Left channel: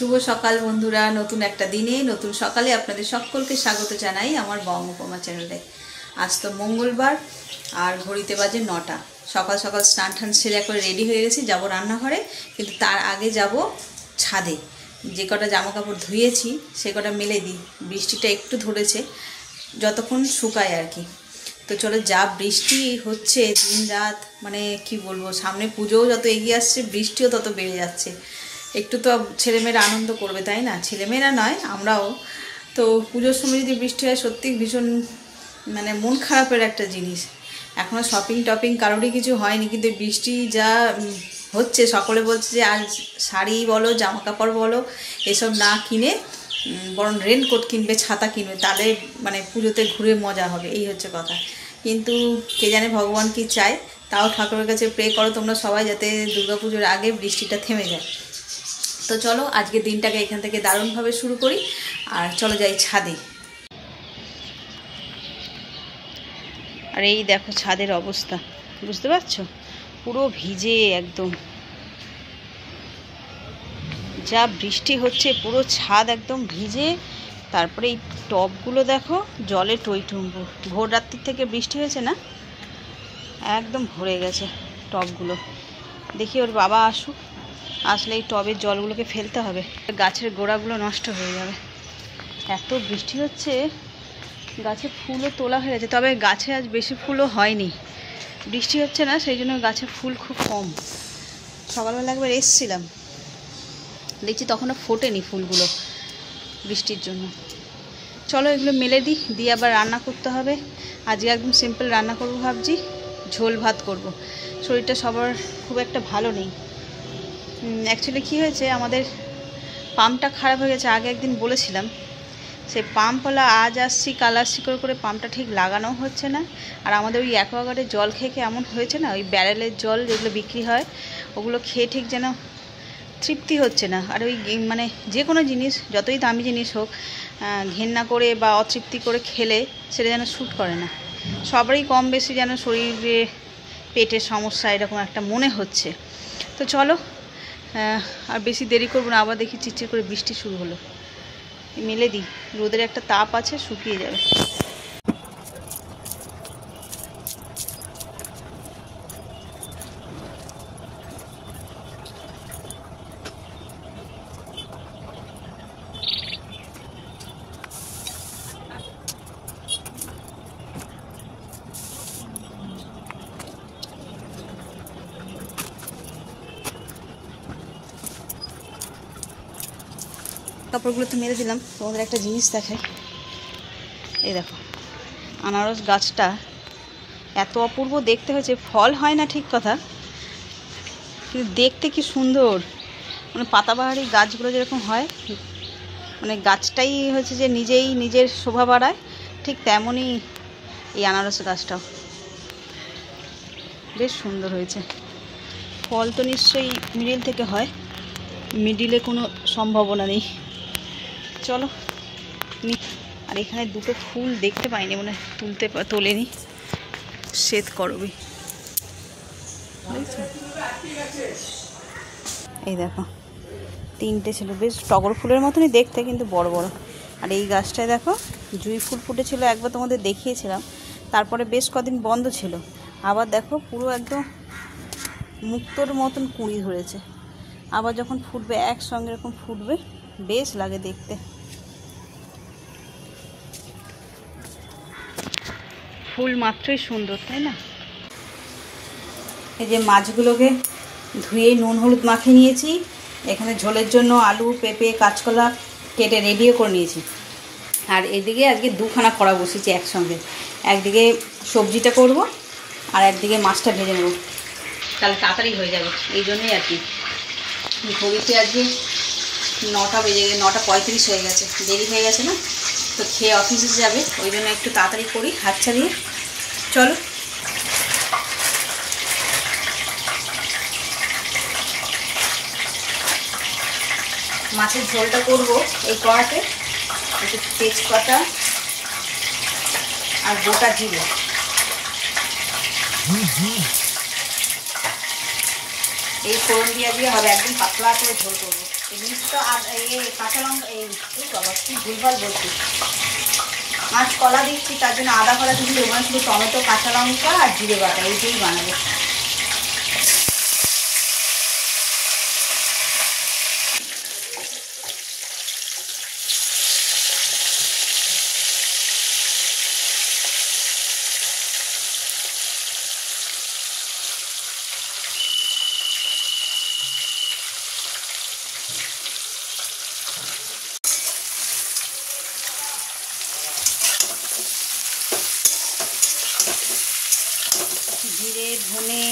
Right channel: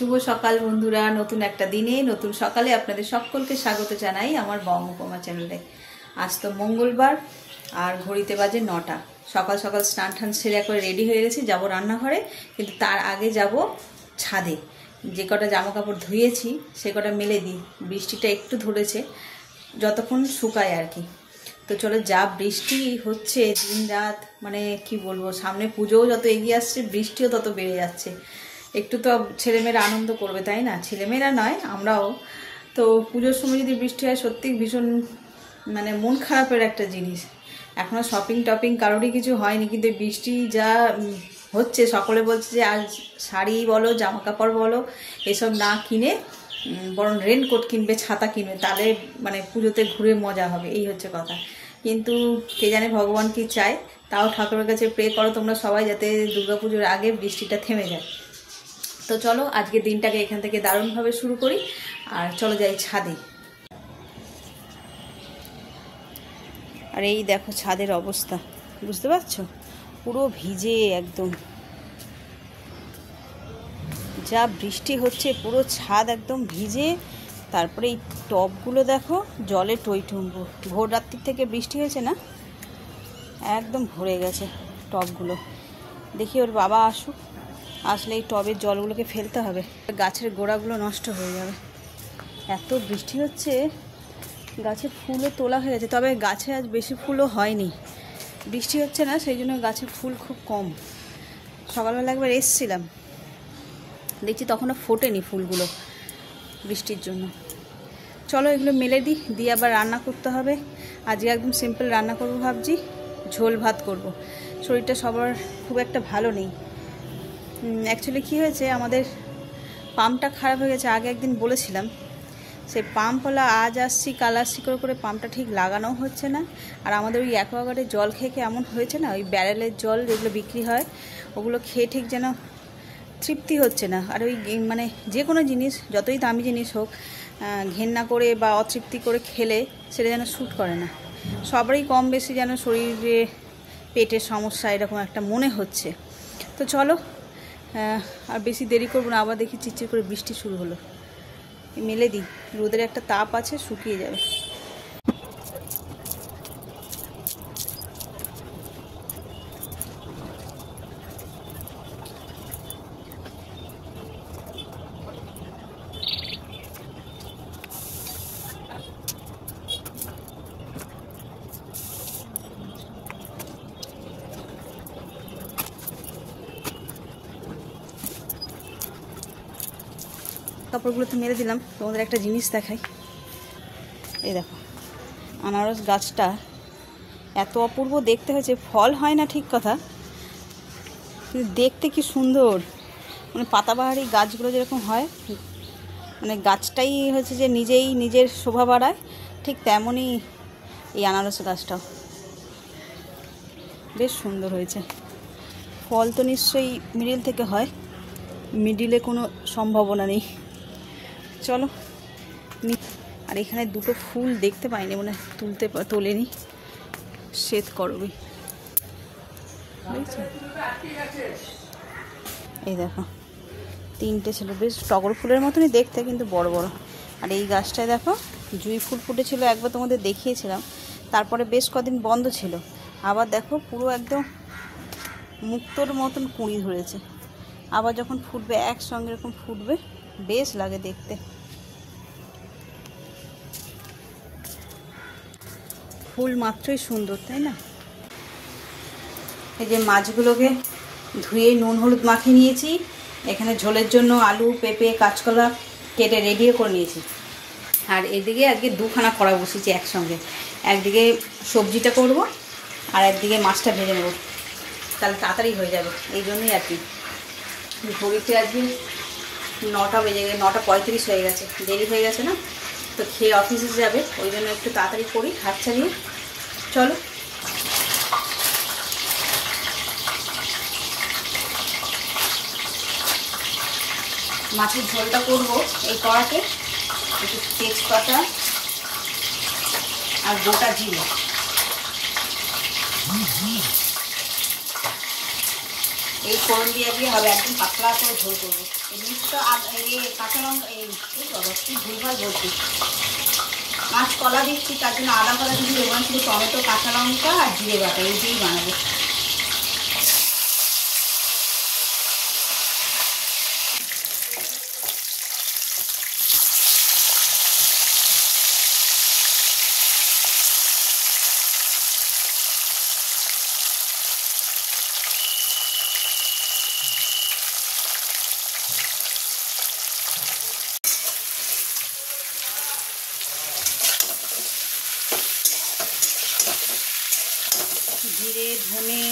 শুভ সকাল বন্ধুরা, নতুন একটা দিনে নতুন সকালে আপনাদের সকলকে স্বাগত জানাই আমার বং উপমা চ্যানেলে। আজ তো মঙ্গলবার আর ঘড়িতে বাজে 9টা। সকাল সকাল স্নান টান সেরে একবার রেডি হয়ে গেছি, যাবো রান্নাঘরে। কিন্তু তার আগে যাব ছাদে, যে কটা জামা কাপড় ধুয়েছি সে কটা মেলে দিই। বৃষ্টিটা একটু ধরেছে, যতক্ষণ শুকায় আর কি। তো চলো, যা বৃষ্টি হচ্ছে দিন রাত, মানে কি বলবো, সামনে পুজোও যত এগিয়ে আসছে বৃষ্টিও তত বেড়ে যাচ্ছে। একটু তো ছেলেমেয়েরা আনন্দ করবে, তাই না? ছেলেমেয়েরা নয়, আমরাও। তো পুজোর সময় যদি বৃষ্টি হয় সত্যি ভীষণ মানে মন খারাপের একটা জিনিস। এখনও শপিং টপিং কারোরই কিছু হয়নি, কিন্তু বৃষ্টি যা হচ্ছে সকলে বলছে যে আজ শাড়ি বলো জামা কাপড় বলো এসব না কিনে বরং রেনকোট কিনবে, ছাতা কিনবে, তাহলে মানে পুজোতে ঘুরে মজা হবে, এই হচ্ছে কথা। কিন্তু কে জানে ভগবান কি চায়। তাও ঠাকুরের কাছে প্রে করো তোমরা সবাই, যাতে দুর্গাপুজোর আগে বৃষ্টিটা থেমে যায়। তো চলো আজকের দিনটাকে এখান থেকে দারুণভাবে শুরু করি, আর চলো যাই ছাদে। আর এই দেখো ছাদের অবস্থা, বুঝতে পারছো? পুরো ভিজে একদম, যা বৃষ্টি হচ্ছে পুরো ছাদ একদম ভিজে। তারপরে এই টবগুলো দেখো জলে টইটুম্বু। ভোর রাত্রি থেকে বৃষ্টি হয়েছে না, একদম ভরে গেছে টবগুলো। দেখি ওর বাবা আসুক, আসলে এই টবের জলগুলোকে ফেলতে হবে, গাছের গোড়াগুলো নষ্ট হয়ে যাবে। এত বৃষ্টি হচ্ছে, গাছে ফুলও তোলা হয়ে গেছে, তবে গাছে আজ বেশি ফুলও হয়নি। বৃষ্টি হচ্ছে না, সেই জন্য গাছে ফুল খুব কম। সকালবেলা একবার এসছিলাম, দেখছি তখনও ফোটেনি ফুলগুলো বৃষ্টির জন্য। চলো এগুলো মেলে দিই, দিয়ে আবার রান্না করতে হবে। আজকে একদম সিম্পল রান্না করবো ভাবছি, ঝোল ভাত করব। শরীরটা সবার খুব একটা ভালো নেই। অ্যাকচুয়ালি কী হয়েছে, আমাদের পাম্পটা খারাপ হয়ে গেছে। আগে একদিন বলেছিলাম, সে পাম্পওয়ালা আজ আসছি কাল আসছি করে করে পাম্পটা ঠিক লাগানোও হচ্ছে না। আর আমাদের ওই অ্যাকোয়াগার্ডের জল খেয়ে খেয়ে এমন হয়েছে না, ওই ব্যারেলের জল যেগুলো বিক্রি হয় ওগুলো খেয়ে ঠিক যেন তৃপ্তি হচ্ছে না। আর ওই মানে যে কোনো জিনিস যতই দামি জিনিস হোক, ঘেন্না করে বা অতৃপ্তি করে খেলে সেটা যেন শ্যুট করে না। সবারই কম বেশি যেন শরীরে পেটের সমস্যা এরকম একটা মনে হচ্ছে। তো চলো আর বেশি দেরি করবো না, আবার দেখি চিরচির করে বৃষ্টি শুরু হলো। মেলে দিই, রোদের একটা তাপ আছে, শুকিয়ে যাবে। কাপড়গুলো তো মেরে দিলাম, তোমাদের একটা জিনিস দেখাই। এই দেখো আনারস গাছটা এত অপূর্ব দেখতে হয়েছে, ফল হয় না ঠিক কথা, কিন্তু দেখতে কি সুন্দর। মানে পাতাবাহারি গাছগুলো যেরকম হয়, মানে গাছটাই হচ্ছে যে নিজেই নিজের শোভা বাড়ায়, ঠিক তেমনই এই আনারস গাছটাও বেশ সুন্দর হয়েছে। ফল তো নিশ্চয়ই মিডিল থেকে হয়, মিডিলে কোনো সম্ভাবনা নেই। চলো, আর এখানে দুটো ফুল দেখতে পাইনি, মানে তোলেনি, শ্বেত করবি। এই দেখো তিনটে ছিল, বেশ টগর ফুলের মতনই দেখতে, কিন্তু বড় বড়। আর এই গাছটায় দেখো জুঁই ফুল ফুটেছিল, একবার তোমাদের দেখিয়েছিলাম, তারপরে বেশ কদিন বন্ধ ছিল। আবার দেখো পুরো একদম মুক্তোর মতন কুঁড়ি ধরেছে। আবার যখন ফুটবে একসঙ্গে এরকম ফুটবে, বেশ লাগে দেখতে। ফুল মাত্রই সুন্দর, তাই না? এই যে মাছগুলোকে ধুয়ে নুন হলুদ মাখিয়ে নিয়েছি। এখানে ঝোলের জন্য আলু পেঁপে কাঁচকলা কেটে রেডিও করে নিয়েছি। আর এদিকে আজকে দুখানা কড়া বসিয়েছি একসঙ্গে, একদিকে সবজিটা করব আর একদিকে মাছটা ভেজে নেব, তাহলে তাড়াতাড়ি হয়ে যাবে। এই জন্যই আর কি। ঘড়িতে আজকে 9টা বেজে গেছে, 9:35 হয়ে গেছে, দেরি হয়ে গেছে না? তো খেয়ে অফিসে যাবে, ওই জন্য একটু তাড়াতাড়ি করি হাত ছাড়িয়ে। চলো মাছের ঝোলটা করব এই কড়াতে। একটু তেজপাতা আর গোটা জিরে, এই ফোড়ন দিয়ে হবে, একদম পাতলা করে ঝোল করবো। এই মিক্সটা আর কাঁচা লঙ্কা বাবা কি ভুলভাল বলছি, মাছ কলা দিচ্ছি তার জন্য আদা কলা কিছু দেবো না, শুধু টমেটো কাঁচা লঙ্কা আর জিরে বাটা এই দিয়েই বানাবো। জিরে ধনে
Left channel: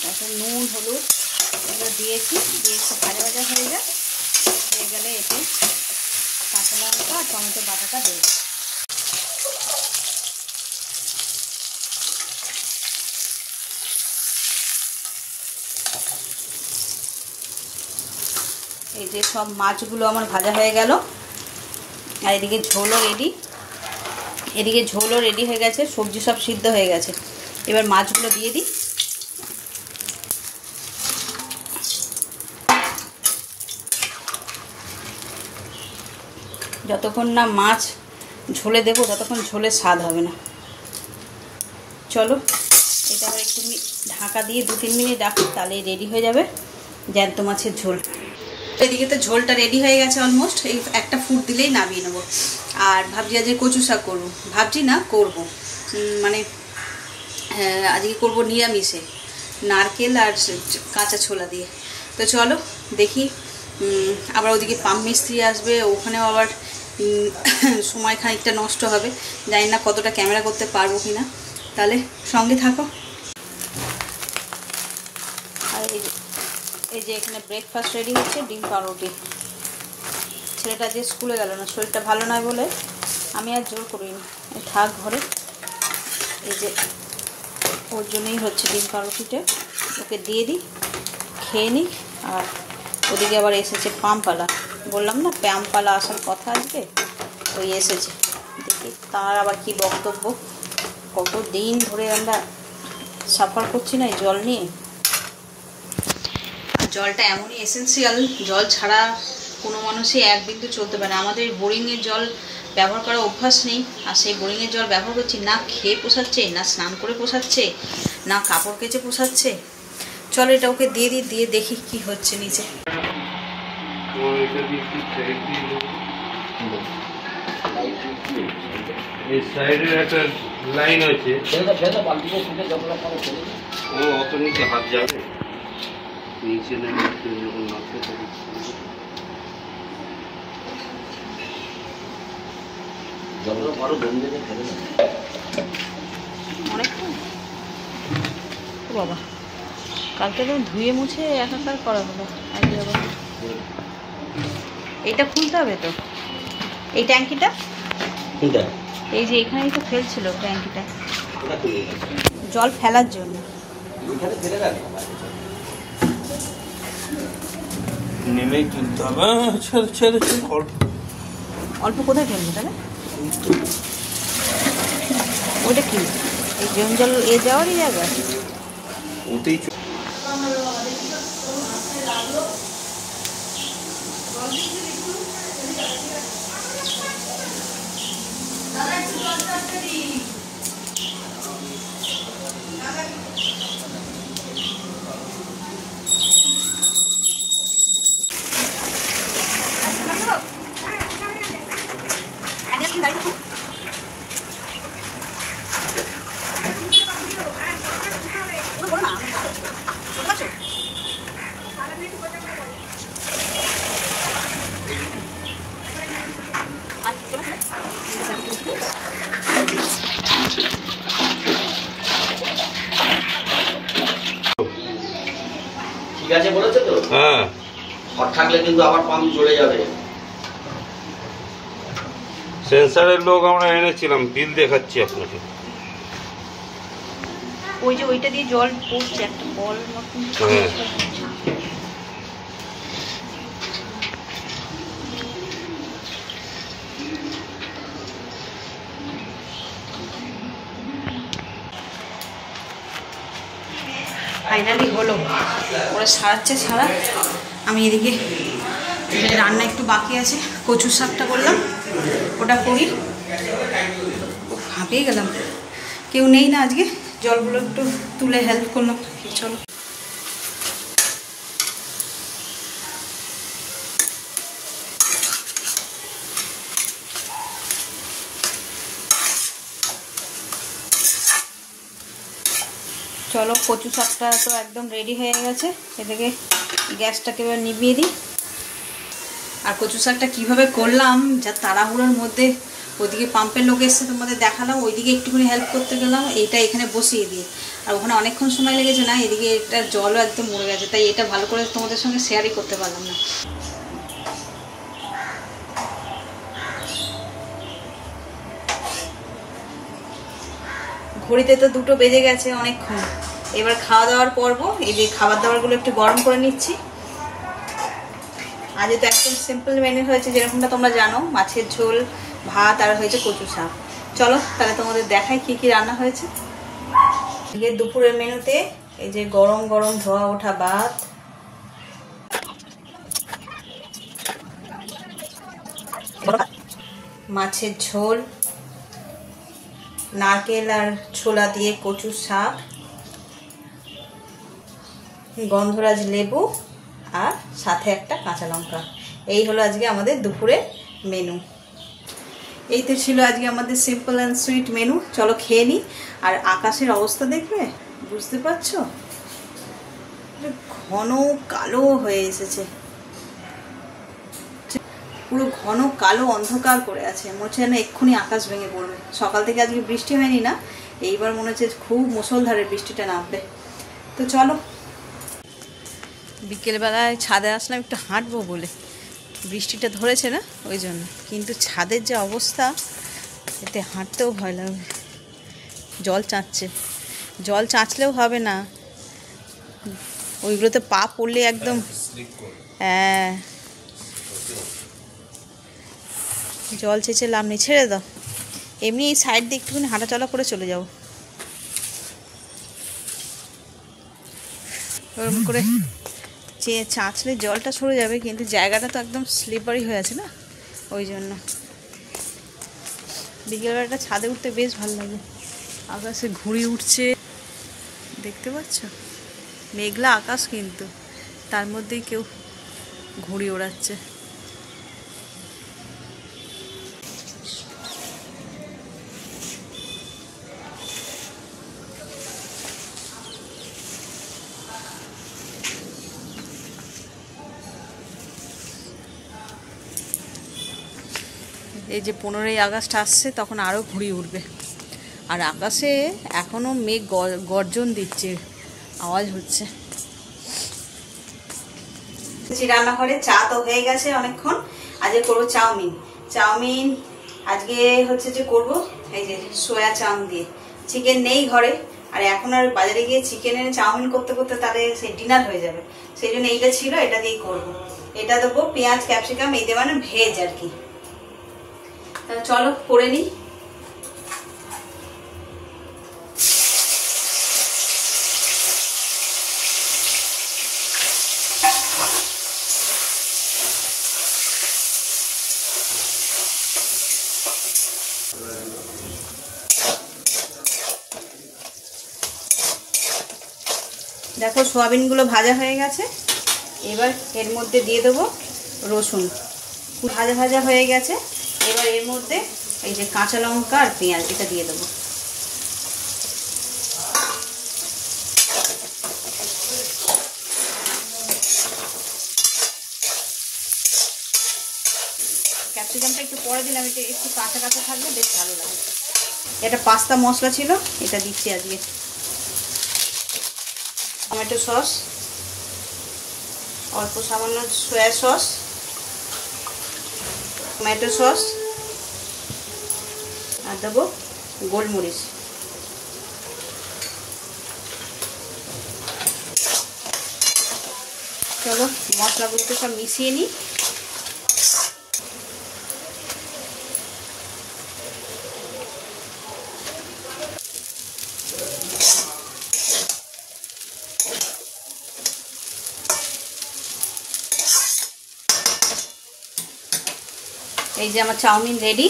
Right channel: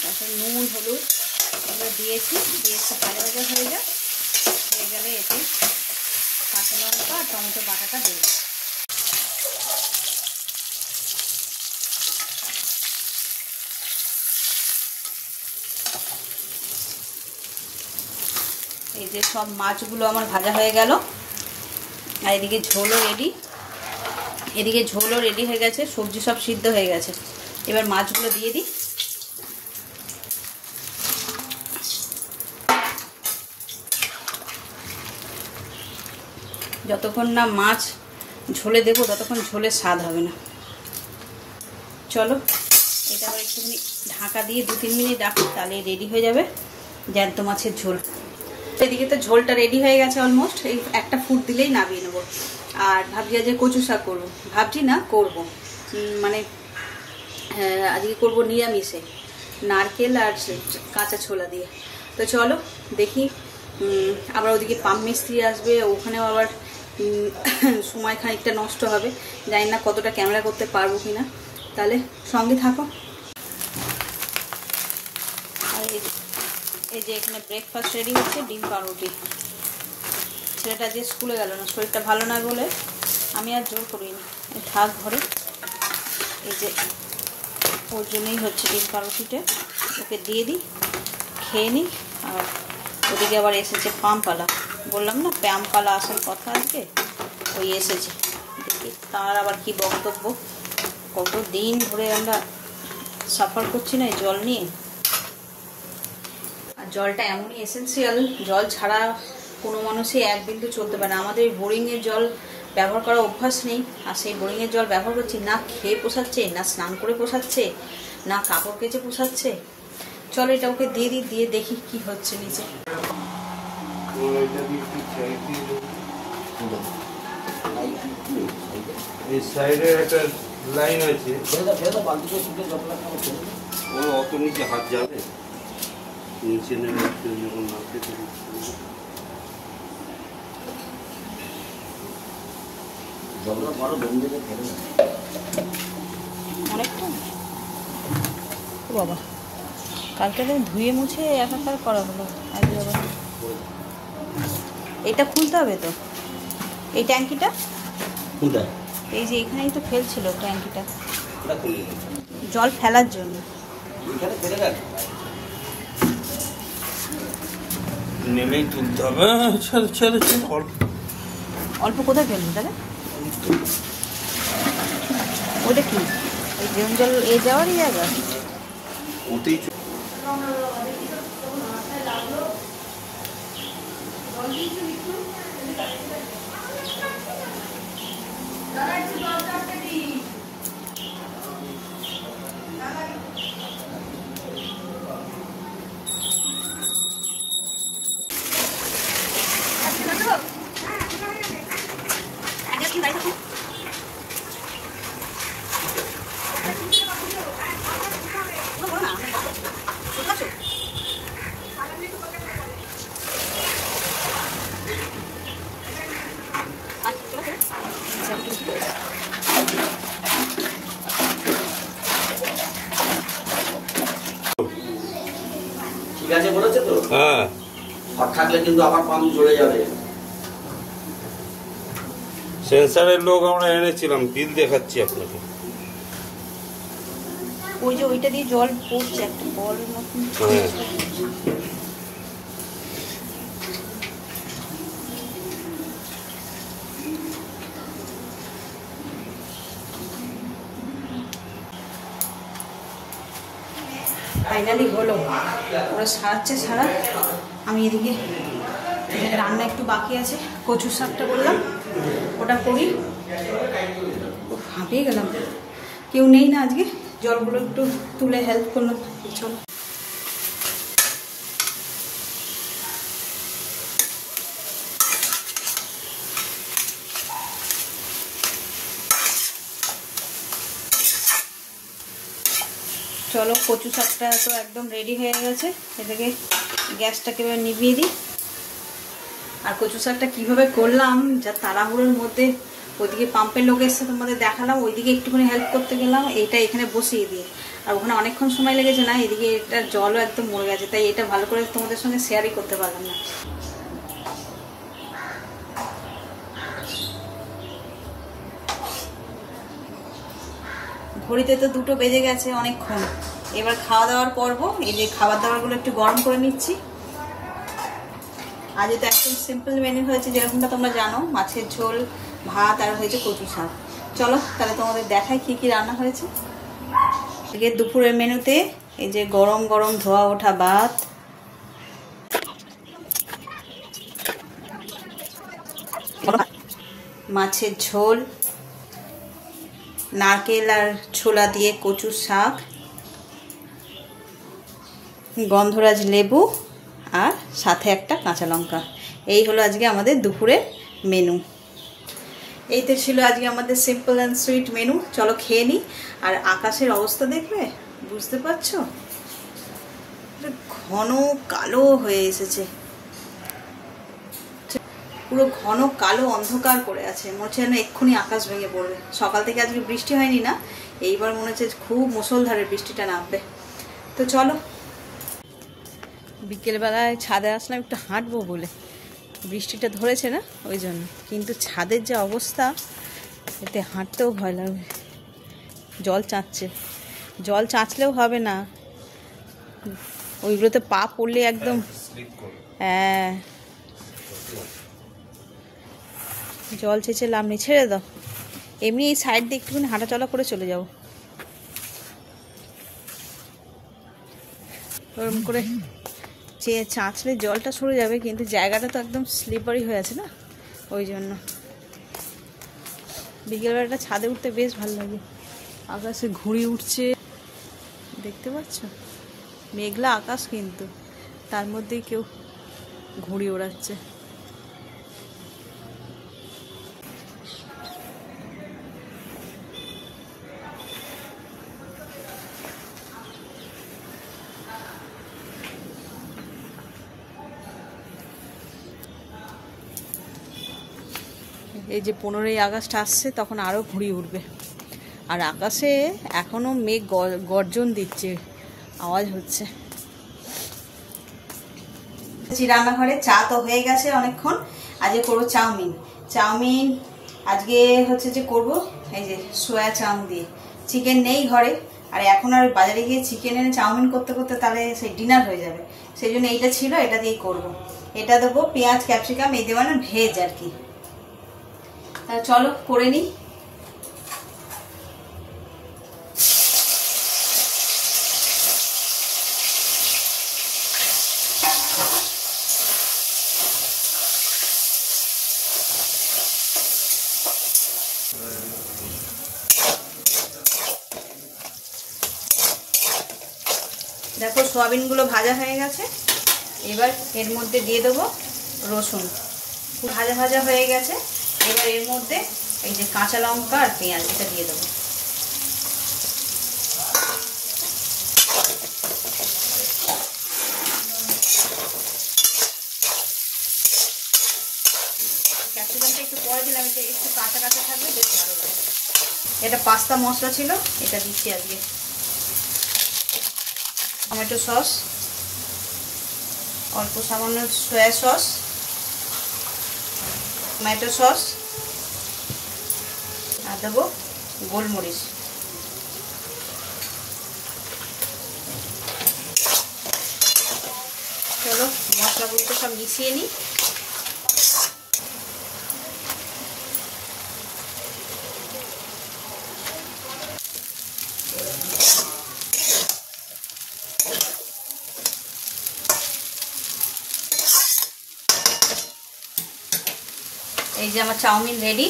তারপর নুন হলুদ এগুলো দিয়েছি, দিয়ে একটু ভাজা ভাজা হয়ে যায়, হয়ে গেলে এতে কাঁচা লঙ্কা আর টমেটো বাটাটা দেবো। এই যে সব মাছগুলো আমার ভাজা হয়ে গেল, আর এদিকে ঝোলও রেডি হয়ে গেছে, সবজি সব সিদ্ধ হয়ে গেছে। এবার মাছগুলো দিয়ে দিই। যতক্ষণ না মাছ ঝোলে দেবো ততক্ষণ ঝোলের স্বাদ হবে না। চলো এটা আবার একটুখানি ঢাকা দিয়ে 2-3 মিনিট রাখো, তাহলে রেডি হয়ে যাবে জ্যান্ত মাছের ঝোল। এদিকে তো ঝোলটা রেডি হয়ে গেছে অলমোস্ট, এই একটা ফুট দিলেই নামিয়ে নেবো। আর ভাবছি আজকে কচু শাক করবো, ভাবছি না করবো, মানে আজকে করবো নিরামিষে, নারকেল আর কাঁচা ছোলা দিয়ে। তো চলো দেখি, আবার ওদিকে পাম্প মিস্ত্রি আসবে, ওখানেও আবার সময় খানিকটা নষ্ট হবে, জানি না কতটা ক্যামেরা করতে পারবো কিনা, তাহলে সঙ্গে থাকো। আর এই যে এখানে ব্রেকফাস্ট রেডি হচ্ছে, ডিম পাউরুটি। ছেলেটা যে স্কুলে গেল না, শরীরটা ভালো না বলে আমি আর জোর করিনি, থাক ঘরে। এই যে ওর জন্যই হচ্ছে ডিম পাউরুটিটা, ওকে দিয়ে দিই, খেয়ে নিই। আর ওদিকে আবার এসেছে পামপালা, বললাম না পামপালা আসার কথা আজকে, ওই এসেছে। দেখি তার আবার কি বক্তব্য, কত দিন ধরে আমরা সাফার করছি না এই জল নিয়ে। জলটা এমনই এসেন্সিয়াল, জল ছাড়া কোনো মানুষই এক বিন্দু চলতে পারে না। আমাদের বোরিংয়ের জল ব্যবহার করা অভ্যাস নেই, আর সেই বোরিংয়ের জল ব্যবহার করছি, না খেয়ে পোষাচ্ছে, না স্নান করে পোষাচ্ছে, না কাপড় কেচে পোষাচ্ছে। চলো এটা ওকে দিয়ে দিই, দিয়ে দেখি কি হচ্ছে নিচে। এই সাইডে একটা লাইন আছে, ও অত নিচে হাত যাবে, নিচে যখন নামতে থাকে অনেকক্ষণ বাবা, কালকে তো ধুয়ে মুছে একাকার করা হলো। এটা খুলতে হবে তো, এই ট্যাঙ্কিটা, এই যে এখানেই তো ফেলছিল ট্যাঙ্কিটা, জল ফেলার জন্য। নেমেই তুলতে হবে, অল্প কোথায় ফেলবো তাহলে? ওটা কি এই ড্রেন জল এ যাওয়ারই জায়গা? ওতেই ঠিক আছে বলেছে তো? হ্যাঁ, হট থাকলে কিন্তু আবার পাম্প চলে যাবে। সেন্সারের লোক আমরা এনেছিলাম, বিল দেখাচ্ছি আপনাকে। ওই যে ওইটা দিয়ে জল পড়ছে একটা বল মতন। হ্যাঁ, ফাইনালি হলো, ওরা সারাচ্ছে সারা, আমি এদিকে রান্না একটু বাকি আছে, কচুর শাকটা করলাম, ওটা করি। হাঁপিয়ে গেলাম, কেউ নেই না আজকে, জলগুলো একটু তুলে হেল্প করলাম। চলো চলো, কচু শাকটা তো একদম রেডি হয়ে গেছে। এদিকে গ্যাসটাকে এবার নিভিয়ে দিই। আর কচু শাকটা কীভাবে করলাম, যা তাড়াহুড়োর মধ্যে, ওইদিকে পাম্পের লোক এসছে তোমাদের দেখালাম, ওইদিকে একটুখানি হেল্প করতে গেলাম, এইটা এখানে বসিয়ে দিই। আর ওখানে অনেকক্ষণ সময় লেগেছে না, এদিকে এটার জলও একদম মরে গেছে, তাই এটা ভালো করে তোমাদের সঙ্গে শেয়ারই করতে পারলাম না। ঘড়িতে তো 2টো বেজে গেছে, অনেকক্ষণ। এবার খাওয়া দাওয়ার পর্ব। এই যে খাবার দাবারগুলো একটু গরম করে নিচ্ছি। আজ তো একদম সিম্পল মেনু হয়েছে, যেরকমটা তোমরা জানো, মাছের ঝোল, ভাত, আর হয়েছে কচু শাক। চলো তাহলে তোমাদের দেখাই কি কি রান্না হয়েছে। আজকে দুপুরের মেনুতে এই যে গরম গরম ধোয়া ওঠা ভাত, মাছের ঝোল, নারকেল আর ছোলা দিয়ে কচু শাক, গন্ধরাজ লেবু, আর সাথে একটা কাঁচা লঙ্কা। এই হলো আজকে আমাদের দুপুরের মেনু। এই তো ছিল আজকে আমাদের সিম্পল অ্যান্ড সুইট মেনু। চলো খেয়ে নিই। আর আকাশের অবস্থা দেখবে, বুঝতে পারছো, ঘন কালো হয়ে এসেছে, পুরো ঘন কালো অন্ধকার করে আছে। মনে হচ্ছে না এক্ষুনি আকাশ ভেঙে পড়বে। সকাল থেকে আজকে বৃষ্টি হয়নি না, এইবার মনে হচ্ছে খুব মুষলধারে বৃষ্টিটা নামবে। তো চলো, বিকেলবেলায় ছাদে আসলাম একটু হাঁটবো বলে, বৃষ্টিটা ধরেছে না ওই জন্য, কিন্তু ছাদের যে অবস্থা, এতে হাঁটতেও ভয় লাগবে। জল চাঁচছে, জল চাঁচলেও হবে না, ওইগুলোতে পা পড়লে একদম, হ্যাঁ জল চেঁচে লাভ নেই, ছেড়ে দাও। এমনি এই সাইড দিয়ে একটুখানি হাঁটাচলা করে চলে যাও, ওরকম করে চাঁচলে জলটা সরে যাবে, কিন্তু জায়গাটা তো একদম স্লিপারি হয়ে আছে না, ওই জন্য। বিকেলবেলাটা ছাদে উঠতে বেশ ভালো লাগে, আকাশে ঘুরে উঠছে, দেখতে পাচ্ছ, মেঘলা আকাশ, কিন্তু তার মধ্যেই কেউ ঘুড়ি ওড়াচ্ছে। এই যে 15ই আগস্ট আসছে, তখন আরও ঘুড়ি উঠবে। আর আকাশে এখনও মেঘ গর্জন দিচ্ছে, আওয়াজ হচ্ছে। রান্নাঘরে চা তো হয়ে গেছে অনেকক্ষণ। আজকে করবো চাউমিন। চাউমিন আজকে হচ্ছে যে করবো এই যে সোয়া চাউমিন দিয়ে। চিকেন নেই ঘরে, আর এখন আর বাজারে গিয়ে চিকেন এনে চাউমিন করতে করতে তাহলে সেই ডিনার হয়ে যাবে, সেই জন্য এইটা ছিল, এটা দিয়েই করবো। এটা দেবো পেঁয়াজ ক্যাপসিকাম, এই দিয়ে মানে ভেজ আর কি। তা চলো করে নিই। দেখো সোয়াবিনগুলো ভাজা হয়ে গেছে, এবার এর মধ্যে দিয়ে দেবো রসুন, ভাজা ভাজা হয়ে গেছে। এবার এর মধ্যে এই যে কাঁচা লঙ্কা আর পেঁয়াজ, এটা দিয়ে দেবো। ক্যাপসিকামটা একটু পরে দিলাম, এটা একটু কাঁচা কাঁচা থাকলে বেশ ভালো লাগে। এটা পাস্তা মশলা ছিল, এটা দিচ্ছি আজকে। টমেটো সস, অল্প সামান্য সয়া সস, টমেটো সস, আর দেবো গোলমরিচ। চলো মশলাগুলোকে সব মিশিয়ে নিই। এই যে আমার চাউমিন রেডি।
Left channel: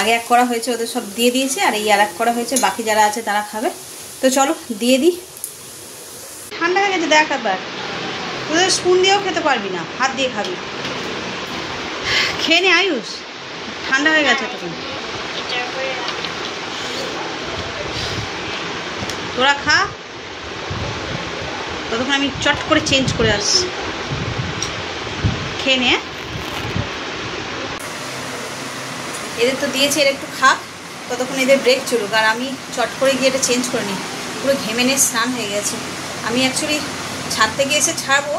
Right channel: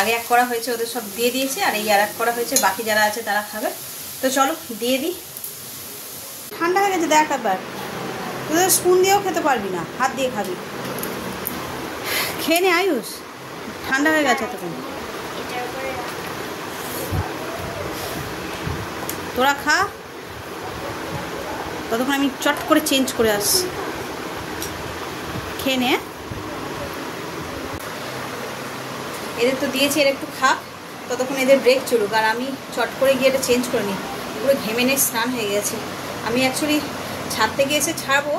আগে এক করা হয়েছে, ওদের সব দিয়ে দিয়েছে, আর এই আর এক করা হয়েছে, বাকি যারা আছে তারা খাবে। তো চলো দিয়ে দিই। ঠান্ডা হয়ে গেছে দেখ, আবার তোদের স্পুন দিয়েও খেতে পারবি না, হাত দিয়ে খাবি। খেয়ে নে আয়ুষ, ঠান্ডা হয়ে গেছে তখন। তোরা খা, ততক্ষণ আমি চট করে চেঞ্জ করে আসছি। খেয়ে নে। এদের তো দিয়েছি, এর একটু খাক, ততক্ষণ এদের ব্রেক চলুক, আর আমি চট করে গিয়ে এটা চেঞ্জ করে নিই। পুরো ঘেমে নিয়ে স্নান হয়ে গেছে। আমি অ্যাকচুয়ালি ছাদ থেকে এসে ছাড়বো,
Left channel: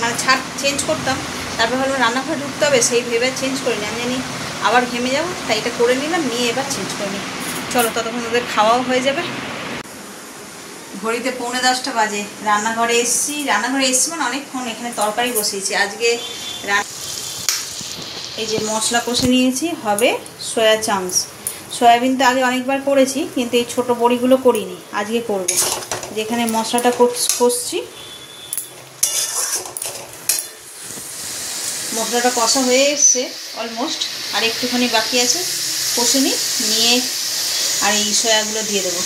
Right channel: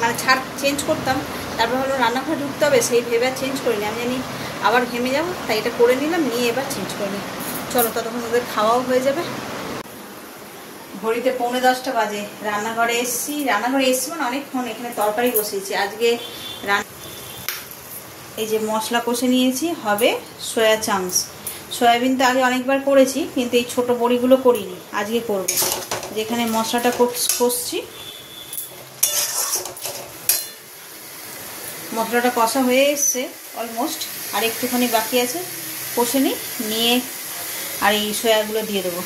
মানে ছাদ চেঞ্জ করতাম, তারপর ভাবলাম রান্নাঘরে ঢুকতে হবে, সেই ভেবে আর চেঞ্জ করিনি। আমি জানি আবার ঘেমে যাবো, তাই এটা করে নিলাম, নিয়ে এবার চেঞ্জ করে নিই। চলো, ততক্ষণ ওদের খাওয়াও হয়ে যাবে। ঘড়িতে 9:45 বাজে। রান্নাঘরে এসছি মানে অনেকক্ষণ। এখানে তরকারি বসিয়েছি আজকে। এই যে মশলা কষে নিয়েছি, হবে সয়া চাংস। সয়াবিন তো আগে অনেকবার করেছি, কিন্তু এই ছোট বড়িগুলো করিনি, আজকে করব। যেখানে মশলাটা কষছি, মশলাটা কষা হয়ে এসছে অলমোস্ট, আর একটুখানি বাকি আছে। কষে নিয়ে আর এই সয়াগুলো দিয়ে দেবো।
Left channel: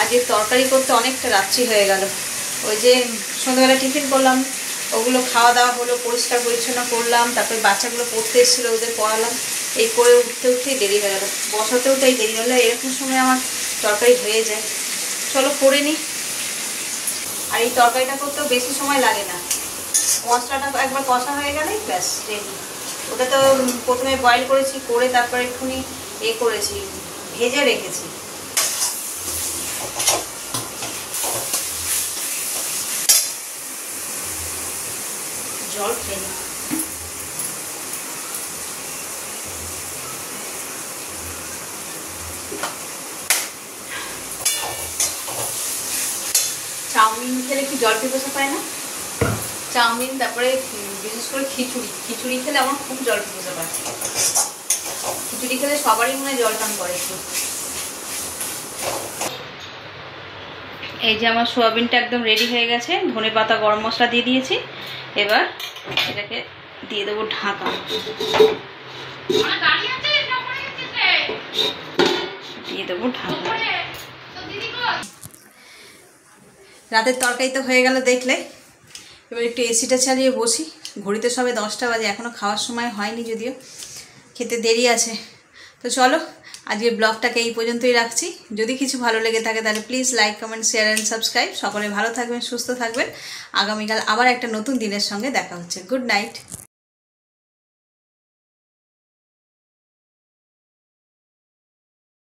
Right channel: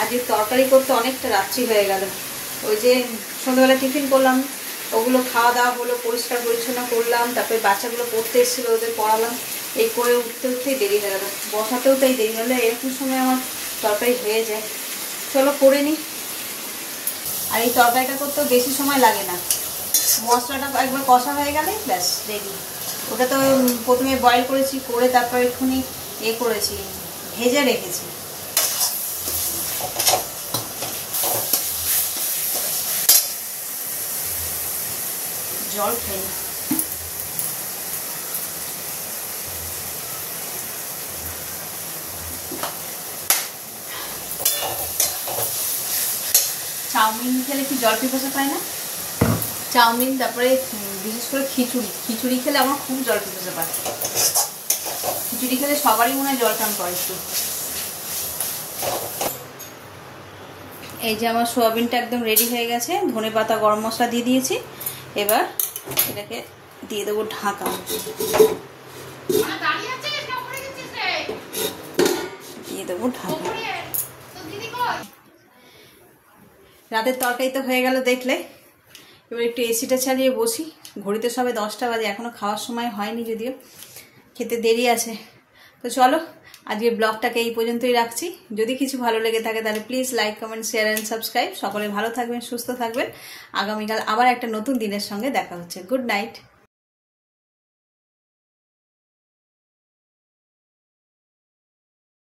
আজকে তরকারি করতে অনেকটা রাত্রি হয়ে গেল। ওই যে সন্ধ্যাবেলা টিফিন করলাম, ওগুলো খাওয়া দাওয়া হলো, পরিষ্কার পরিচ্ছন্ন করলাম, তারপরে বাচ্চাগুলো পড়তে এসেছিলো, ওদের পড়ালাম। এই করে উঠতেই দেরি হয়ে গেল, বসাতেও তাই দেরি হলো। এরকম সময় আমার তরকারি হয়ে যায়। চলো করে নিই। আর এই তরকারিটা করতেও বেশি সময় লাগে না, মশলাটা একবার কষা হয়ে গেলেই ব্যাস রেডি। ওটা তো প্রথমে বয়েল করেছি, করে তারপরে একটুখানি করেছি, ভেজে রেখেছি। জল খাই। চাউমিন খেলে কি জল পিপাসা পায় না? চাউমিন, তারপরে বিশেষ করে খিচুড়ি খেলে আমার খুব জল পিপাসা পায়। খিচুড়ি খেলে সবারই মনে হয় জল টান করে একটু। এই যে আমার সোয়াবিনটা একদম রেডি হয়ে গেছে। ধনেপাতা, গরম মশলা দিয়ে দিয়েছি। এবার এটাকে দিয়ে দেবো ঢাকা। দিয়ে দেবো ঢাকা। রাতের তরকারি তো হয়ে গেল দেখলে। এবার একটু এসিটা চালিয়ে বসি। ঘড়িতে সবে 10টা বাজে, এখনও খাওয়ার সময় হয়নি, যদিও খেতে দেরি আছে। তো চলো, আজকে ব্লগটাকে এই পর্যন্তই রাখছি। যদি কিছু ভালো লেগে থাকে তাহলে please like, comment, share and subscribe. সকলে ভালো থাকবেন, সুস্থ থাকবেন। আগামীকাল আবার একটা নতুন দিনের সঙ্গে দেখা হচ্ছে। Good night.